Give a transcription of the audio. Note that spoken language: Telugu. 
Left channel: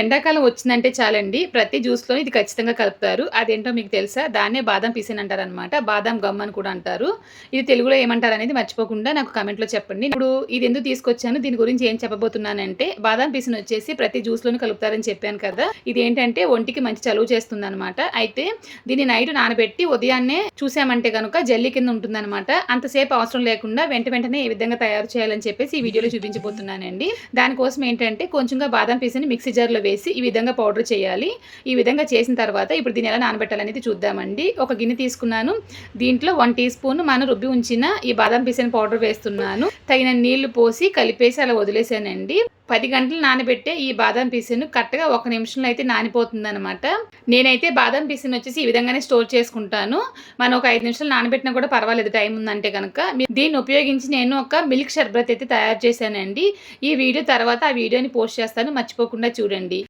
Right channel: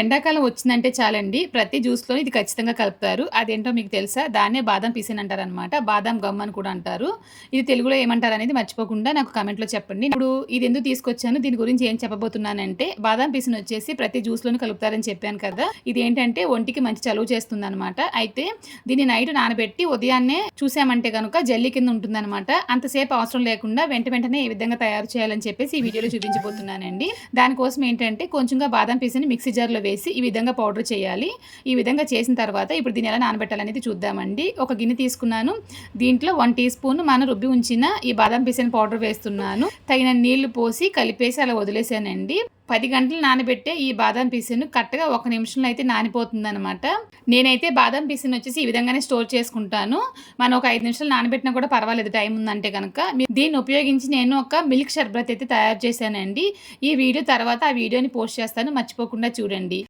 ఎండాకాలం వచ్చిందంటే చాలండి ప్రతి జ్యూస్‌లో ఇది ఖచ్చితంగా కలుపుతారు. అదేంటో మీకు తెలుసా? దాన్నే బాదం పిసిన్ అంటారనమాట. బాదం గమ్ అని కూడా అంటారు. ఇది తెలుగులో ఏమంటారనేది మర్చిపోకుండా నాకు కామెంట్‌లో చెప్పండి. ఇప్పుడు ఇది ఎందుకు తీసుకొచ్చాను, దీని గురించి ఏం చెప్పబోతున్నానంటే, బాదం పిసిన్ వచ్చేసి ప్రతి జ్యూస్‌లోనూ కలుపుతారని చెప్పాను కదా! ఇదేంటంటే ఒంటికి మంచి చలువ చేస్తుందనమాట. అయితే దీన్ని నైట్ నానబెట్టి ఉదయాన్నే చూసామంటే గనుక జెల్లీ కింద ఉంటుందనమాట. అంతసేపు అవసరం లేకుండా వెంటనే ఏ విధంగా తయారు చేయాలని చెప్పేసి ఈ వీడియోలో చూపించబోతున్నానండి. దానికోసం ఏంటంటే కొంచెంగా బాదం పీస్‌ని మిక్సీ జార్‌లో వేసి ఈ విధంగా పౌడర్ చేయాలి. ఈ విధంగా చేసిన తర్వాత ఇప్పుడు దీన్ని ఎలా నానబెట్టాలనేది చూద్దామండి. ఒక గిన్నె తీసుకున్నాను. దీంట్లో 1 టీ స్పూన్ మనం రుబ్బి ఉంచిన ఈ బాదం పీసెన్ పౌడర్ వేస్తున్నాను. తగినన్ని నీళ్లు పోసి కలిపేసి అలా వదిలేసానండి. 10 గంటలు నానబెట్టే ఈ బాదం పీసెను కరెక్ట్‌గా 1 నిమిషంలో అయితే నానిపోతుందనమాట. నేనైతే బాదం పీసెని వచ్చేసి ఈ విధంగానే స్టోర్ చేసుకుంటాను. మనం ఒక 5 నిమిషాలు నానబెట్టినా కూడా పర్వాలేదు టైం ఉందంటే గనక. దీన్ని ఉపయోగించి నేను ఒక మిల్క్ షర్బత్ అయితే తయారు చేశానండి. ఈ వీడియో తర్వాత ఆ వీడియోని పోస్ట్ చేస్తాను. మర్చిపోకుండా చూడండి.